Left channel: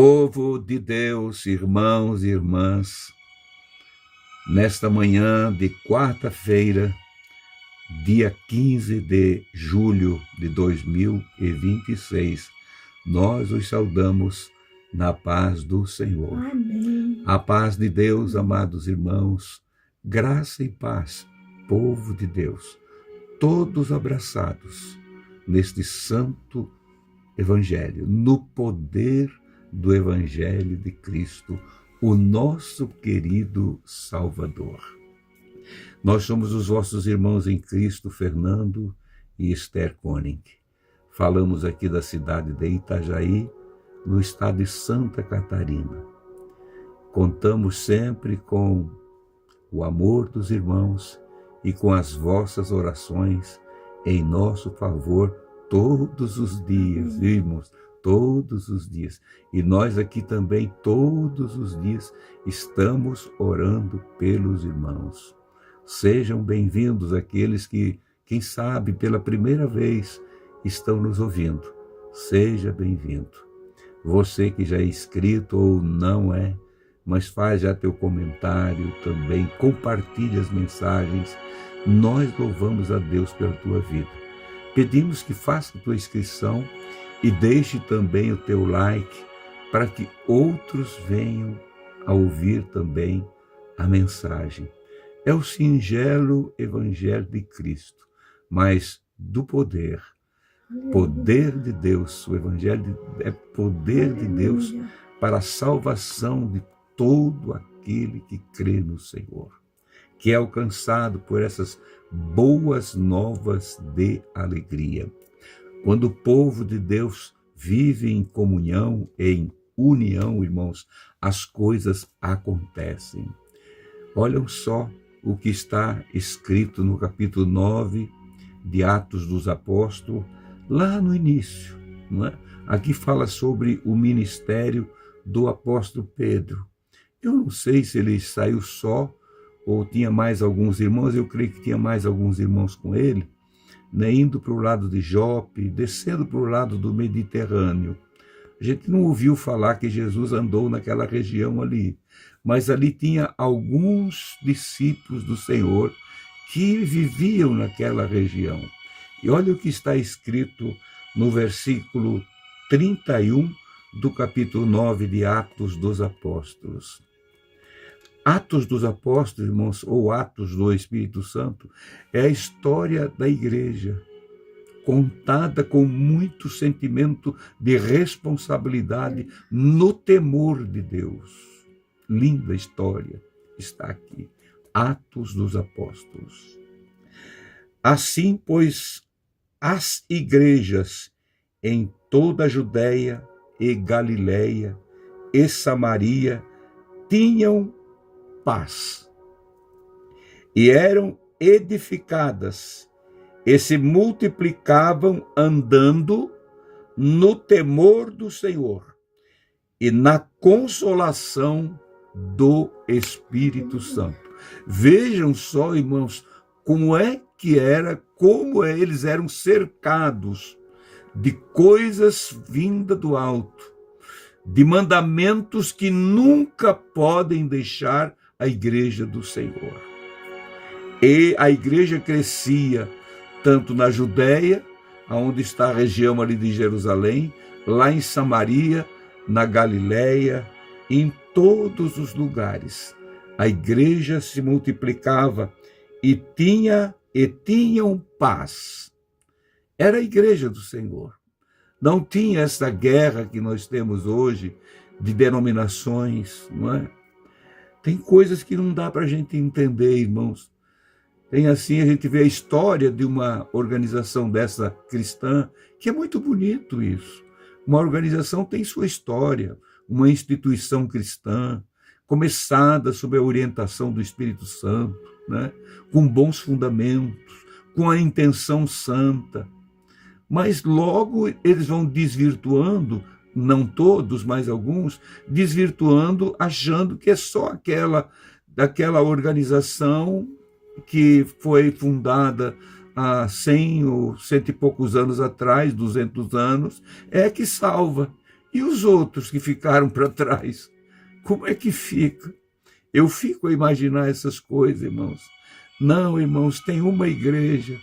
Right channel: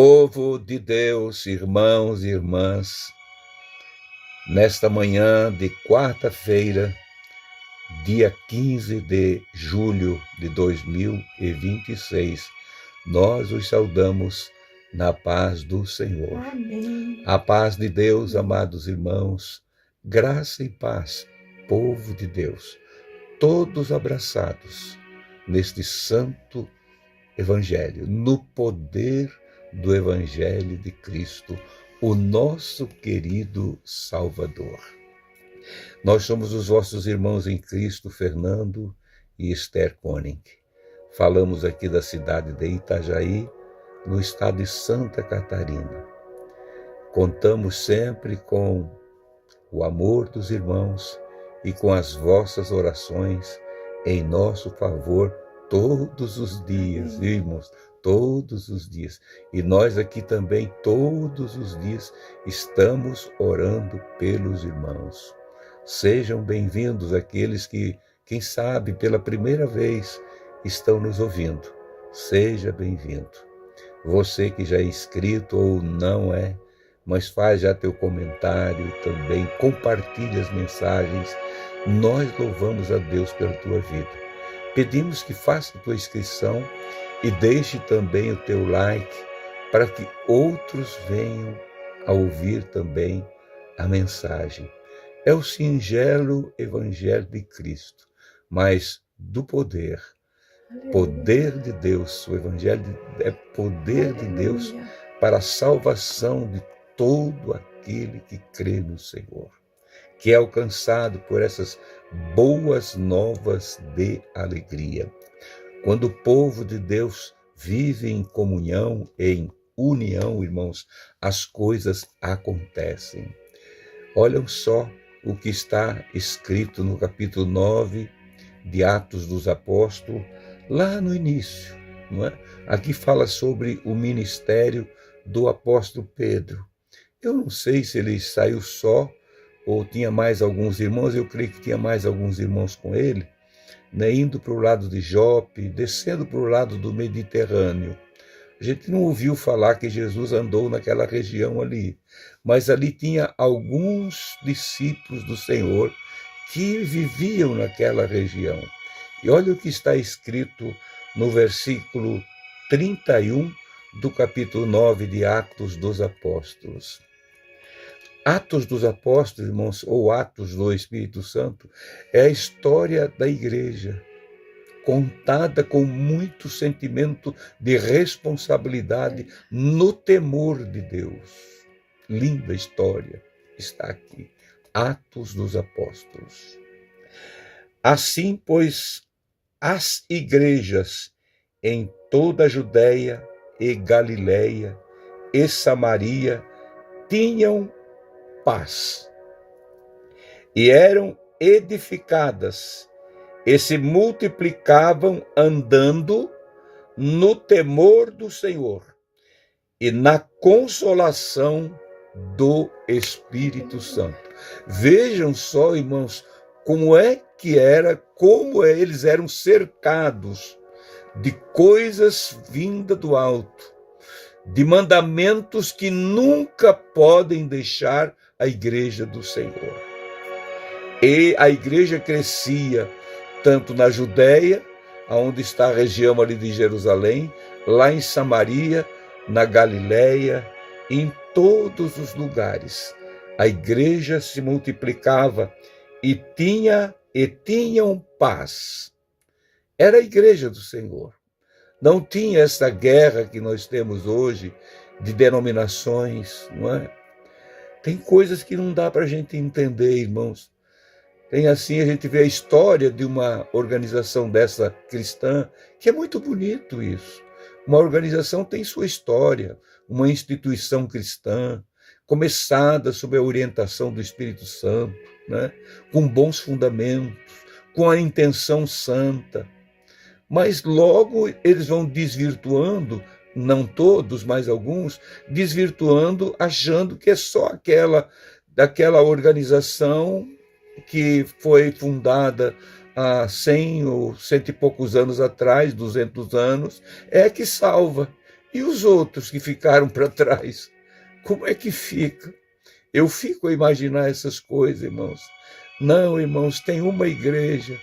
Povo de Deus, irmãos e irmãs, nesta manhã de quarta-feira, dia 15 de julho de 2026, nós os saudamos na paz do Senhor. Amém. A paz de Deus, amados irmãos, graça e paz, povo de Deus, todos abraçados neste santo Evangelho, no poder do Evangelho de Cristo, o nosso querido Salvador. Nós somos os vossos irmãos em Cristo, Fernando e Esther Koenig. Falamos aqui da cidade de Itajaí, no estado de Santa Catarina. Contamos sempre com o amor dos irmãos e com as vossas orações em nosso favor todos os dias, irmãos, todos os dias. E nós aqui também, todos os dias, estamos orando pelos irmãos. Sejam bem-vindos aqueles que, quem sabe, pela primeira vez estão nos ouvindo. Seja bem-vindo. Você que já é inscrito ou não é, mas faz já teu comentário também, compartilha as mensagens. Nós louvamos a Deus pela tua vida. Pedimos que faça a tua inscrição e deixe também o teu like para que outros venham a ouvir também a mensagem. É o singelo Evangelho de Cristo, mas do poder. Poder de Deus, o Evangelho é poder de Deus para a salvação de todo aquele que crê no Senhor, que é alcançado por essas boas novas de alegria. Quando o povo de Deus vive em comunhão, em união, irmãos, as coisas acontecem. Olham só o que está escrito no capítulo 9 de Atos dos Apóstolos, lá no início, não é? Aqui fala sobre o ministério do apóstolo Pedro. Eu não sei se ele saiu só ou tinha mais alguns irmãos, eu creio que tinha mais alguns irmãos com ele, né, indo para o lado de Jope, descendo para o lado do Mediterrâneo. A gente não ouviu falar que Jesus andou naquela região ali, mas ali tinha alguns discípulos do Senhor que viviam naquela região. E olha o que está escrito no versículo 31 do capítulo 9 de Atos dos Apóstolos. Atos dos Apóstolos, irmãos, ou Atos do Espírito Santo, é a história da igreja, contada com muito sentimento de responsabilidade no temor de Deus. Linda história está aqui. Atos dos Apóstolos. Assim, pois, as igrejas em toda a Judéia e Galileia e Samaria tinham paz e eram edificadas e se multiplicavam andando no temor do Senhor e na consolação do Espírito Santo. Vejam só, irmãos, como é que era, como eles eram cercados de coisas vindas do alto, de mandamentos que nunca podem deixar a igreja do Senhor. E a igreja crescia tanto na Judéia, onde está a região ali de Jerusalém, lá em Samaria, na Galileia, em todos os lugares. A igreja se multiplicava e tinham paz. Era a igreja do Senhor. Não tinha essa guerra que nós temos hoje de denominações, não é? Tem coisas que não dá para a gente entender, irmãos. Tem assim, a gente vê a história de uma organização dessa cristã, que é muito bonito isso. Uma organização tem sua história, uma instituição cristã, começada sob a orientação do Espírito Santo, né? Com bons fundamentos, com a intenção santa. Mas logo eles vão desvirtuando, não todos, mas alguns, desvirtuando, achando que é só daquela organização que foi fundada há 100 ou 100 e poucos anos atrás, 200 anos, é que salva. E os outros que ficaram para trás, como é que fica? Eu fico a imaginar essas coisas, irmãos. Não, irmãos, tem uma igreja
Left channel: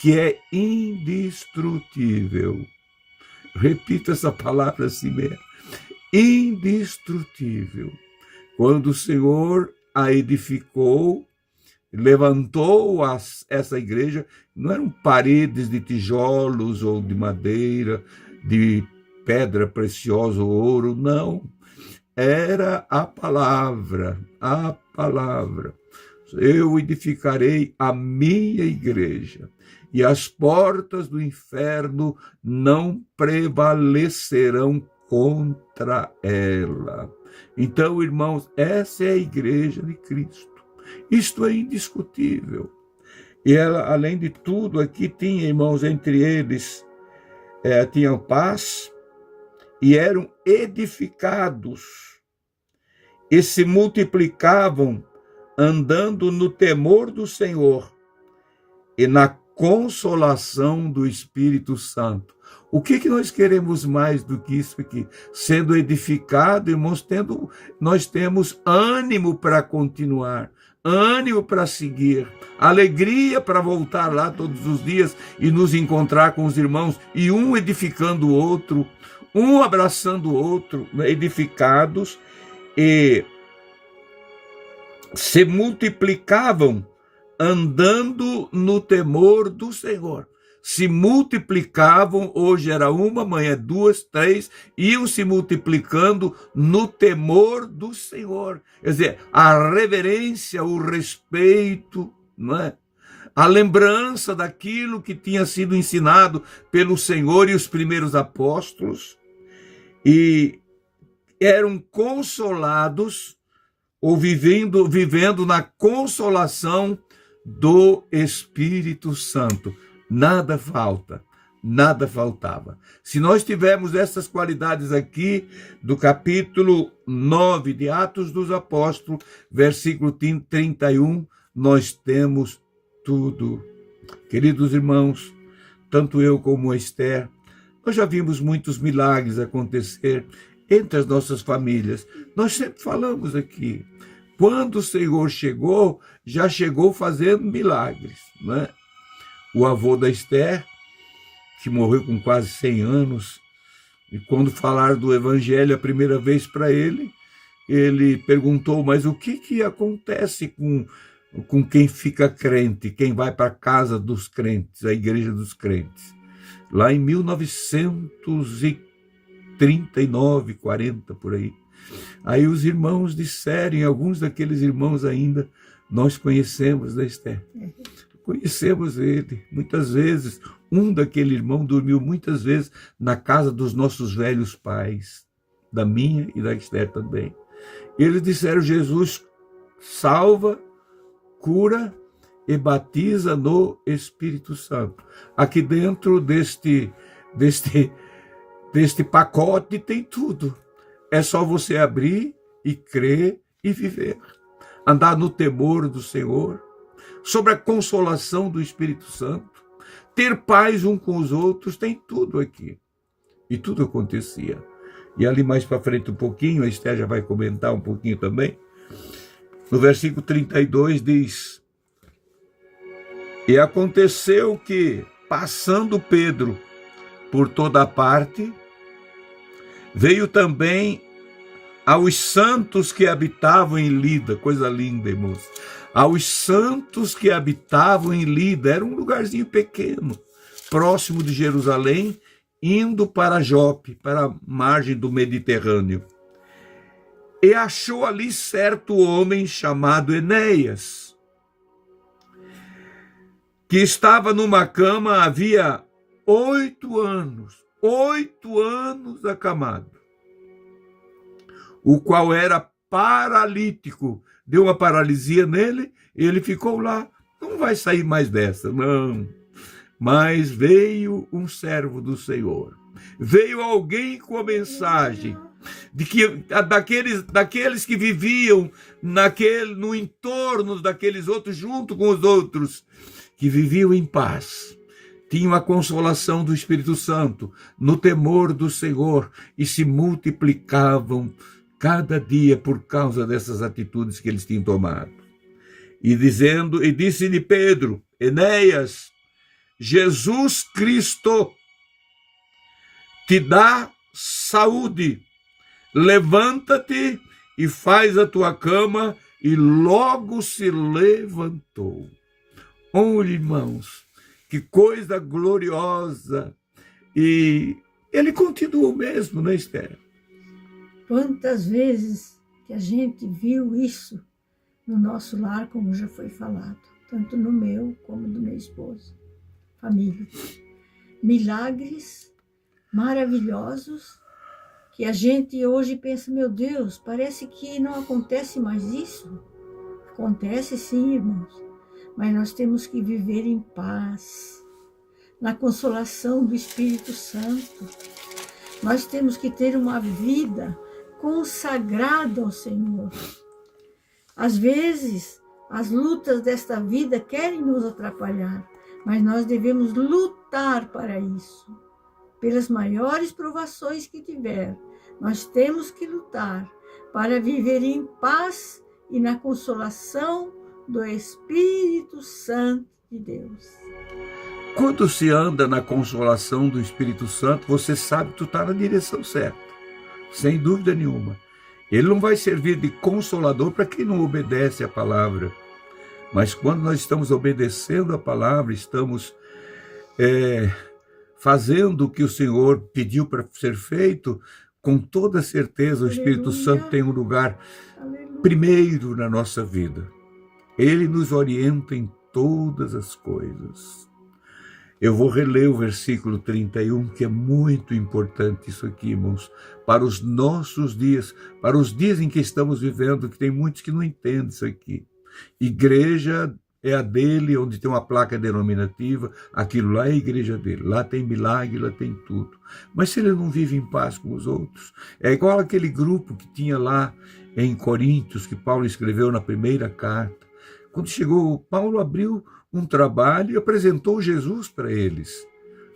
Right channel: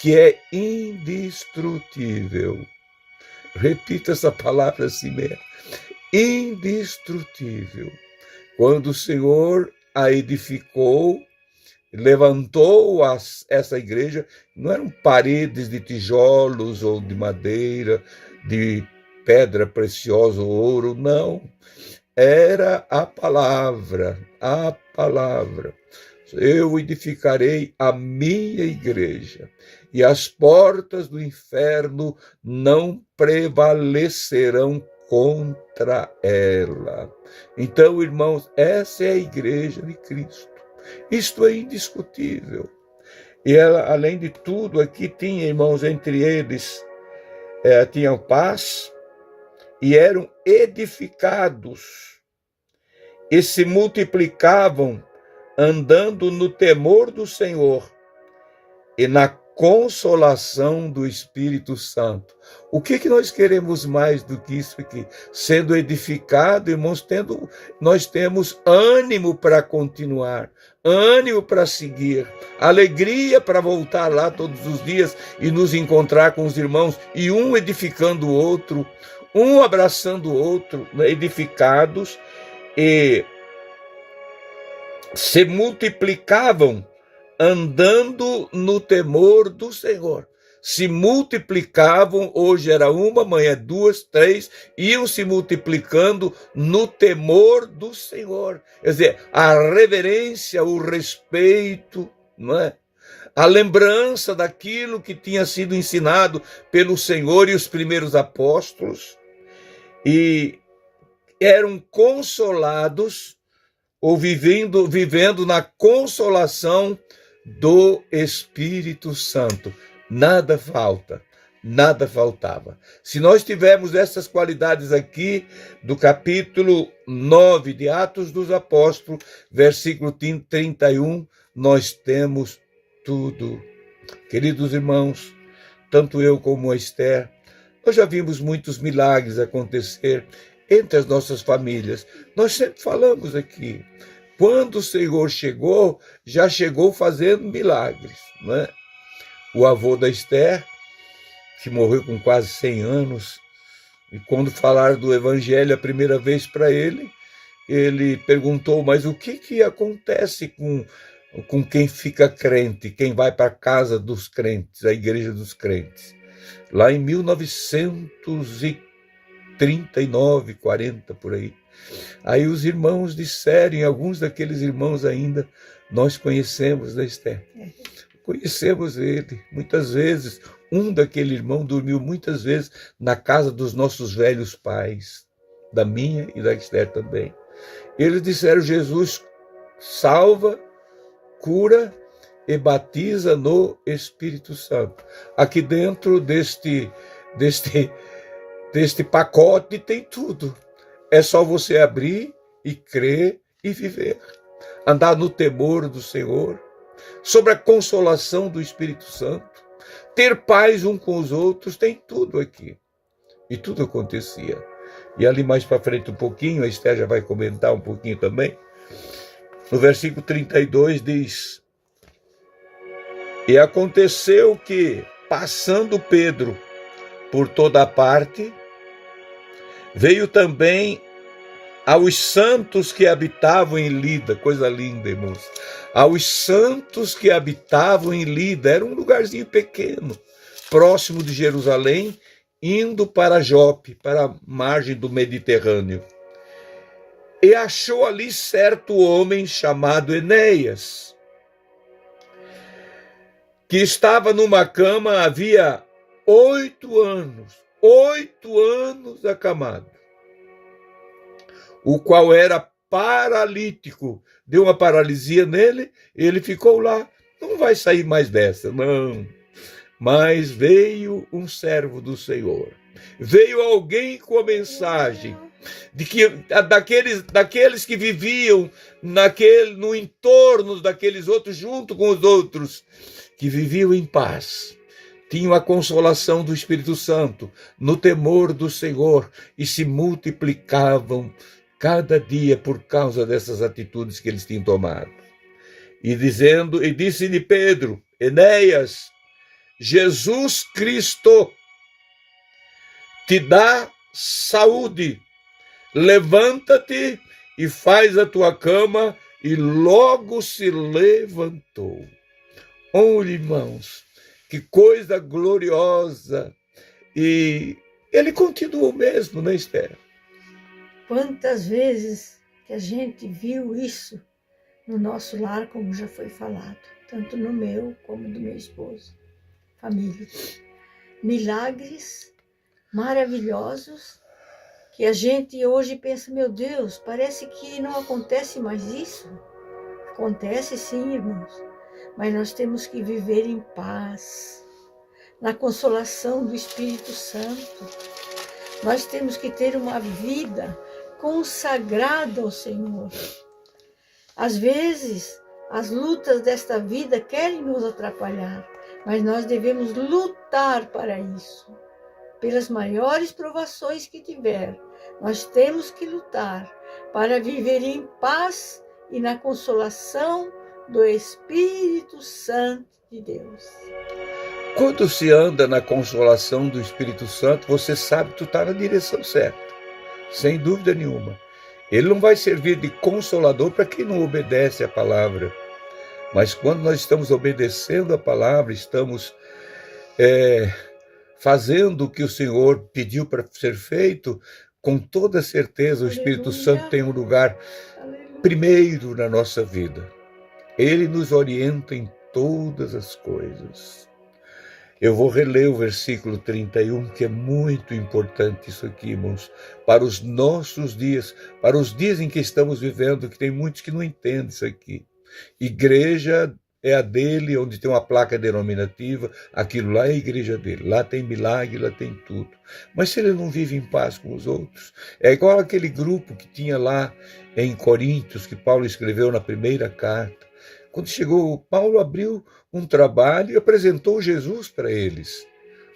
que é indestrutível. Repita essa palavra assim mesmo. Indestrutível. Quando o Senhor a edificou, levantou essa igreja, não eram paredes de tijolos ou de madeira, de pedra preciosa ou ouro, não. Era a palavra, a palavra. Eu edificarei a minha igreja, e as portas do inferno não prevalecerão contra ela. Então, irmãos, essa é a igreja de Cristo. Isto é indiscutível. E ela, além de tudo, aqui tinha, irmãos, entre eles, tinham paz e eram edificados e se multiplicavam andando no temor do Senhor e na consolação do Espírito Santo. O que nós queremos mais do que isso aqui? Sendo edificado, irmãos, nós temos ânimo para continuar, ânimo para seguir, alegria para voltar lá todos os dias e nos encontrar com os irmãos, e um edificando o outro, um abraçando o outro, edificados, e se multiplicavam andando no temor do Senhor. Se multiplicavam, hoje era uma, amanhã duas, três, iam se multiplicando no temor do Senhor. Quer dizer, a reverência, o respeito, não é? A lembrança daquilo que tinha sido ensinado pelo Senhor e os primeiros apóstolos, e eram consolados, ou vivendo na consolação do Espírito Santo. Nada falta, nada faltava. Se nós tivermos essas qualidades aqui do capítulo 9 de Atos dos Apóstolos, versículo 31, nós temos tudo. Queridos irmãos, tanto eu como a Esther, nós já vimos muitos milagres acontecer entre as nossas famílias. Nós sempre falamos aqui, quando o Senhor chegou, já chegou fazendo milagres, não é? O avô da Esther, que morreu com quase 100 anos, e quando falaram do evangelho a primeira vez para ele, ele perguntou, mas o que acontece com quem fica crente, quem vai para a casa dos crentes, a igreja dos crentes? Lá em 1939, 40, por aí. Aí os irmãos disseram, e alguns daqueles irmãos ainda, nós conhecemos da Esther. Conhecemos ele. Muitas vezes, um daquele irmão dormiu muitas vezes na casa dos nossos velhos pais, da minha e da Esther também. Eles disseram, Jesus salva, cura e batiza no Espírito Santo. Aqui dentro deste pacote tem tudo. É só você abrir e crer e viver. Andar no temor do Senhor, sobre a consolação do Espírito Santo, ter paz um com os outros, tem tudo aqui. E tudo acontecia. E ali mais para frente um pouquinho, a Esther já vai comentar um pouquinho também, no versículo 32 diz, e aconteceu que, passando Pedro por toda a parte, veio também aos santos que habitavam em Lida, coisa linda, irmãos, aos santos que habitavam em Lida, era um lugarzinho pequeno, próximo de Jerusalém, indo para Jope, para a margem do Mediterrâneo. E achou ali certo homem chamado Enéas, que estava numa cama havia 8 anos acamado, o qual era paralítico. Deu uma paralisia nele, ele ficou lá. Não vai sair mais dessa, não. Mas veio um servo do Senhor. Veio alguém com a mensagem de que daqueles que viviam no entorno daqueles outros, junto com os outros, que viviam em paz, tinham a consolação do Espírito Santo, no temor do Senhor, e se multiplicavam cada dia por causa dessas atitudes que eles tinham tomado. E disse-lhe Pedro: Enéas, Jesus Cristo te dá saúde, levanta-te e faz a tua cama. E logo se levantou. Olhe, irmãos, que coisa gloriosa. E ele continua o mesmo, né, Esther? Quantas vezes que a gente viu isso no nosso lar, como já foi falado, tanto no meu como do meu esposo, família. Milagres maravilhosos que a gente hoje pensa, meu Deus, parece que não acontece mais isso. Acontece sim, irmãos, mas nós temos que viver em paz, na consolação do Espírito Santo. Nós temos que ter uma vida consagrada ao Senhor. Às vezes, as lutas desta vida querem nos atrapalhar, mas nós devemos lutar para isso. Pelas maiores provações que tiver, nós temos que lutar para viver em paz e na consolação do Espírito Santo de Deus. Quando se anda na consolação do Espírito Santo, você sabe que tu está na direção certa, sem dúvida nenhuma. Ele não vai servir de consolador para quem não obedece a palavra. Mas quando nós estamos obedecendo a palavra, estamos fazendo o que o Senhor pediu para ser feito, com toda certeza o Espírito Santo tem um lugar primeiro na nossa vida. Ele nos orienta em todas as coisas. Eu vou reler o versículo 31, que é muito importante isso aqui, irmãos, para os nossos dias, para os dias em que estamos vivendo, que tem muitos que não entendem isso aqui. Igreja é a dele, onde tem uma placa denominativa, aquilo lá é a igreja dele, lá tem milagre, lá tem tudo. Mas se ele não vive em paz com os outros, é igual aquele grupo que tinha lá em Coríntios, que Paulo escreveu na primeira carta. Quando chegou, Paulo abriu um trabalho e apresentou Jesus para eles.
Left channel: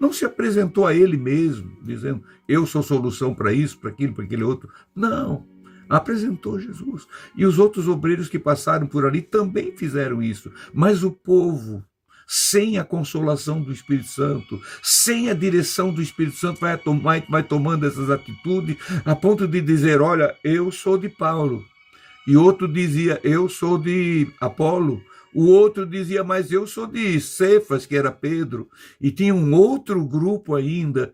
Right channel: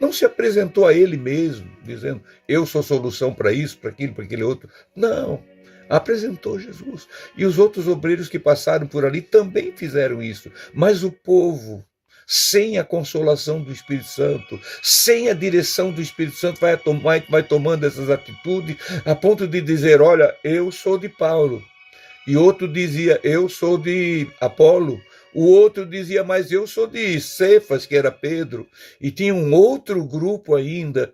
Não se apresentou a ele mesmo, dizendo, eu sou solução para isso, para aquilo, para aquele outro. Não. Apresentou Jesus. E os outros obreiros que passaram por ali também fizeram isso. Mas o povo, sem a consolação do Espírito Santo, sem a direção do Espírito Santo, vai tomando essas atitudes, a ponto de dizer, olha, eu sou de Paulo. E outro dizia, eu sou de Apolo. O outro dizia, mas eu sou de Cefas, que era Pedro. E tinha um outro grupo ainda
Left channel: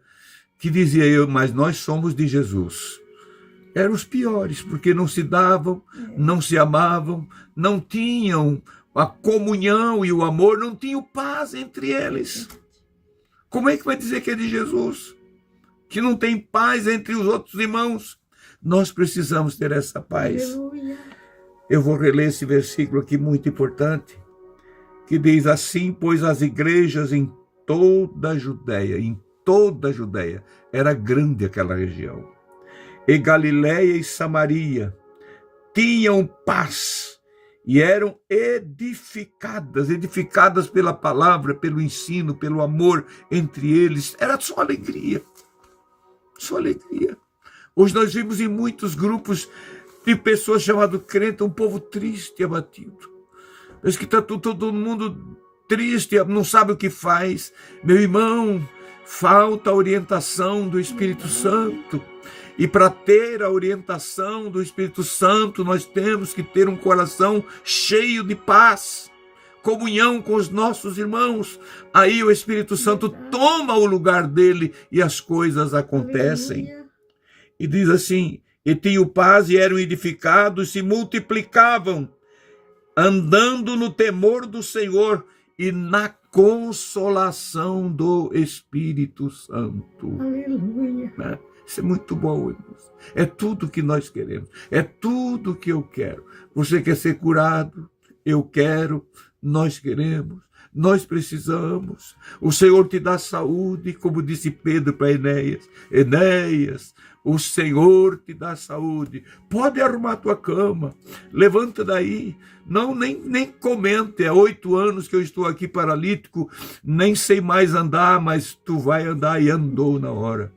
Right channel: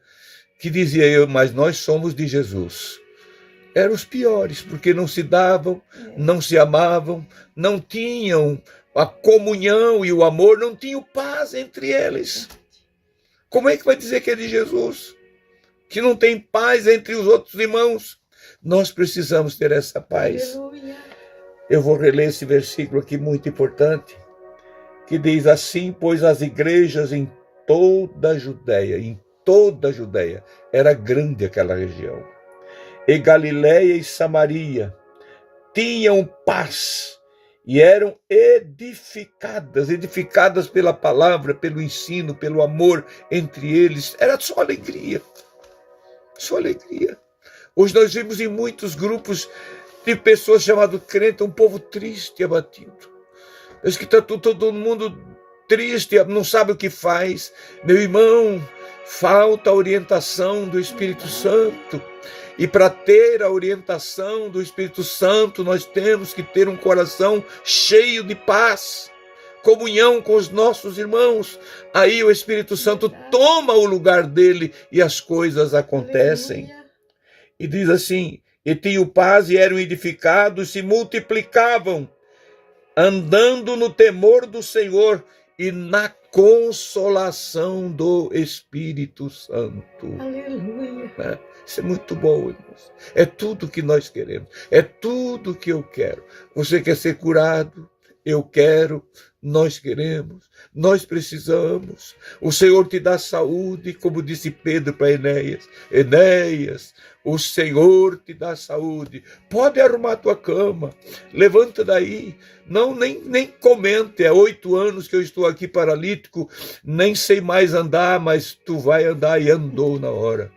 que dizia, mas nós somos de Jesus. Eram os piores, porque não se davam, não se amavam, não tinham a comunhão e o amor, não tinham paz entre eles. Como é que vai dizer que é de Jesus? Que não tem paz entre os outros irmãos? Nós precisamos ter essa paz. Aleluia. Eu vou reler esse versículo aqui muito importante, que diz assim, pois as igrejas em toda a Judéia, era grande aquela região, e Galiléia e Samaria tinham paz e eram edificadas pela palavra, pelo ensino, pelo amor entre eles. Era só alegria, só alegria. Hoje nós vimos em muitos grupos de pessoas chamadas crentes, um povo triste e abatido. Parece que está todo mundo triste, não sabe o que faz. Meu irmão, falta a orientação do Espírito Santo. E para ter a orientação do Espírito Santo, nós temos que ter um coração cheio de paz, comunhão com os nossos irmãos. Aí o Espírito Santo toma o lugar dele e as coisas acontecem. Aleluia. E diz assim, e tinham paz e eram edificados, se multiplicavam, andando no temor do Senhor e na consolação do Espírito Santo. Aleluia. Isso é muito bom, irmãos. É tudo que nós queremos. É tudo que eu quero. Você quer ser curado? Eu quero. Nós queremos. Nós precisamos. O Senhor te dá saúde, como disse Pedro para Enéas. Enéas, O Senhor te dá saúde. Pode arrumar tua cama. Levanta daí. Não, nem comente. É 8 anos que eu estou aqui paralítico. Nem sei mais andar, mas tu vai andar. E andou na hora.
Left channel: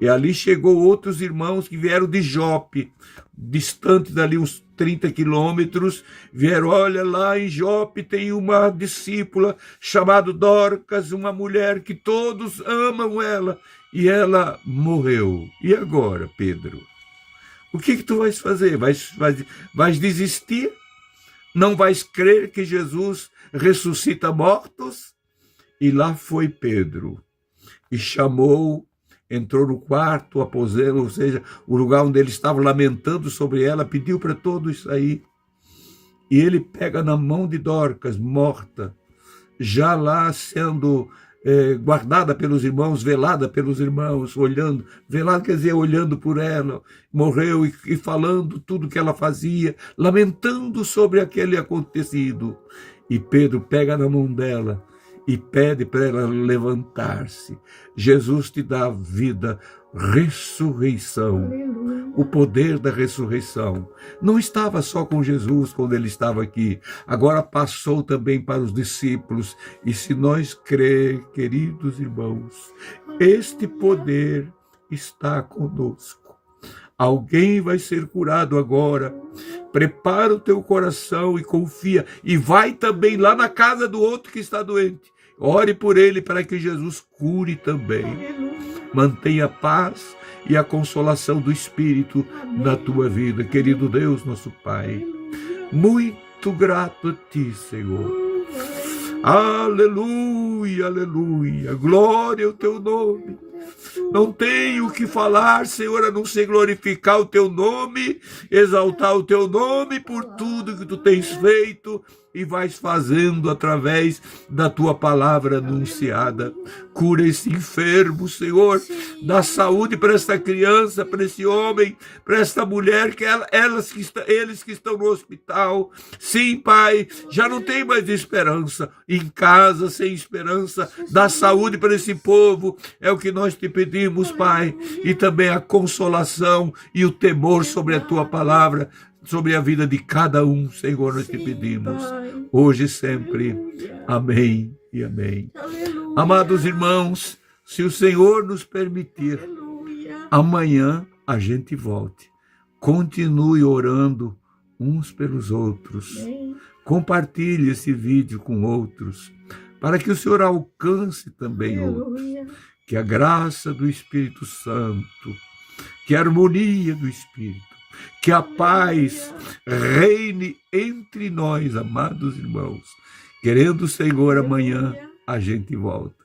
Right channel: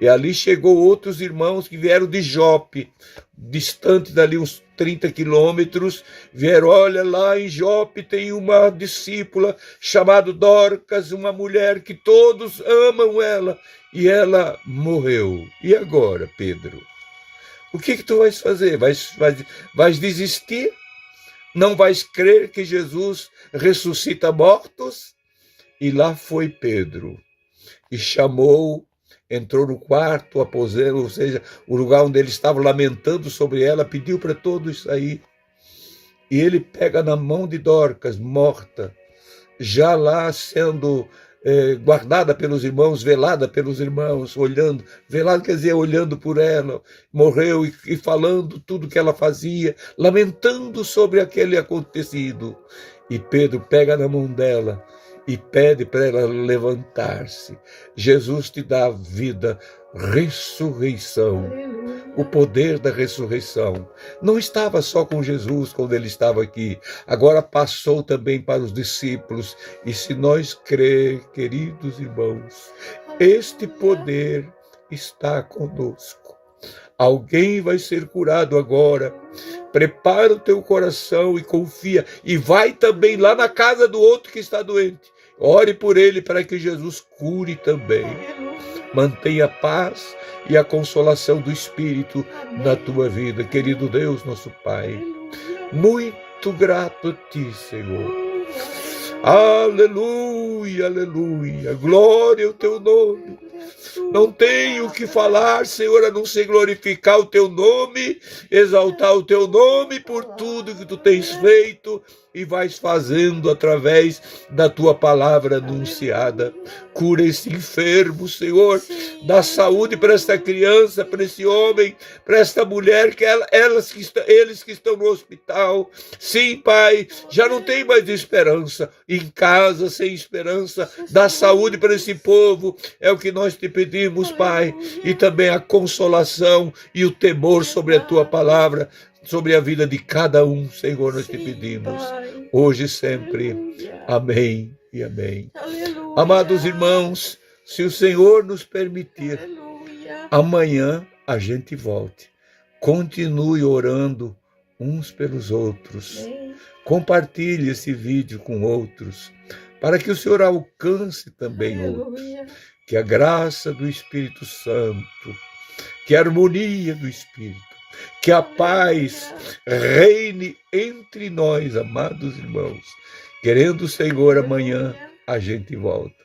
E ali chegou outros irmãos que vieram de Jope, distante dali uns 30 quilômetros, vieram, olha lá em Jope tem uma discípula chamada Dorcas, uma mulher que todos amam ela, e ela morreu. E agora, Pedro? O que tu vais fazer? Vais desistir? Não vais crer que Jesus ressuscita mortos? E lá foi Pedro, e chamou, entrou no quarto, aposento, ou seja, o lugar onde ele estava lamentando sobre ela, pediu para todos sair. E ele pega na mão de Dorcas, morta, já lá sendo guardada pelos irmãos, velada pelos irmãos, olhando, velada quer dizer, olhando por ela, morreu e falando tudo que ela fazia, lamentando sobre aquele acontecido. E Pedro pega na mão dela e pede para ela levantar-se. Jesus te dá vida, ressurreição, Aleluia. o poder da ressurreição. Não estava só com Jesus quando ele estava aqui, agora passou também para os discípulos. E se nós crer, queridos irmãos, este poder está conosco. Alguém vai ser curado agora. Prepara o teu coração e confia. E vai também lá na casa do outro que está doente. Ore por ele para que Jesus cure também. Mantenha a paz e a consolação do Espírito na tua vida. Querido Deus, nosso Pai, muito grato a ti, Senhor. Aleluia, aleluia. Glória ao teu nome. Não tenho o que falar, Senhor, a não ser glorificar o teu nome, exaltar o teu nome por tudo que tu tens feito e vais fazendo através da tua palavra anunciada. Cura esse enfermo, Senhor, dá saúde para esta criança, para esse homem, para esta mulher, que eles que estão no hospital. Sim, Pai, já não tem mais esperança, em casa sem esperança, dá saúde para esse povo, é o que nós te pedimos, Pai, e também a consolação e o temor sobre a tua palavra, sobre a vida de cada um, Senhor, nós te pedimos, hoje e sempre. Amém e amém. Aleluia. Amados irmãos, se o Senhor nos permitir, Aleluia. amanhã a gente volte. Continue orando uns pelos outros. Amém. Compartilhe esse vídeo com outros, para que o Senhor alcance também outros. Aleluia. Que a graça do Espírito Santo, que a harmonia do Espírito, que a paz reine entre nós, amados irmãos. Querendo o Senhor, amanhã a gente volta.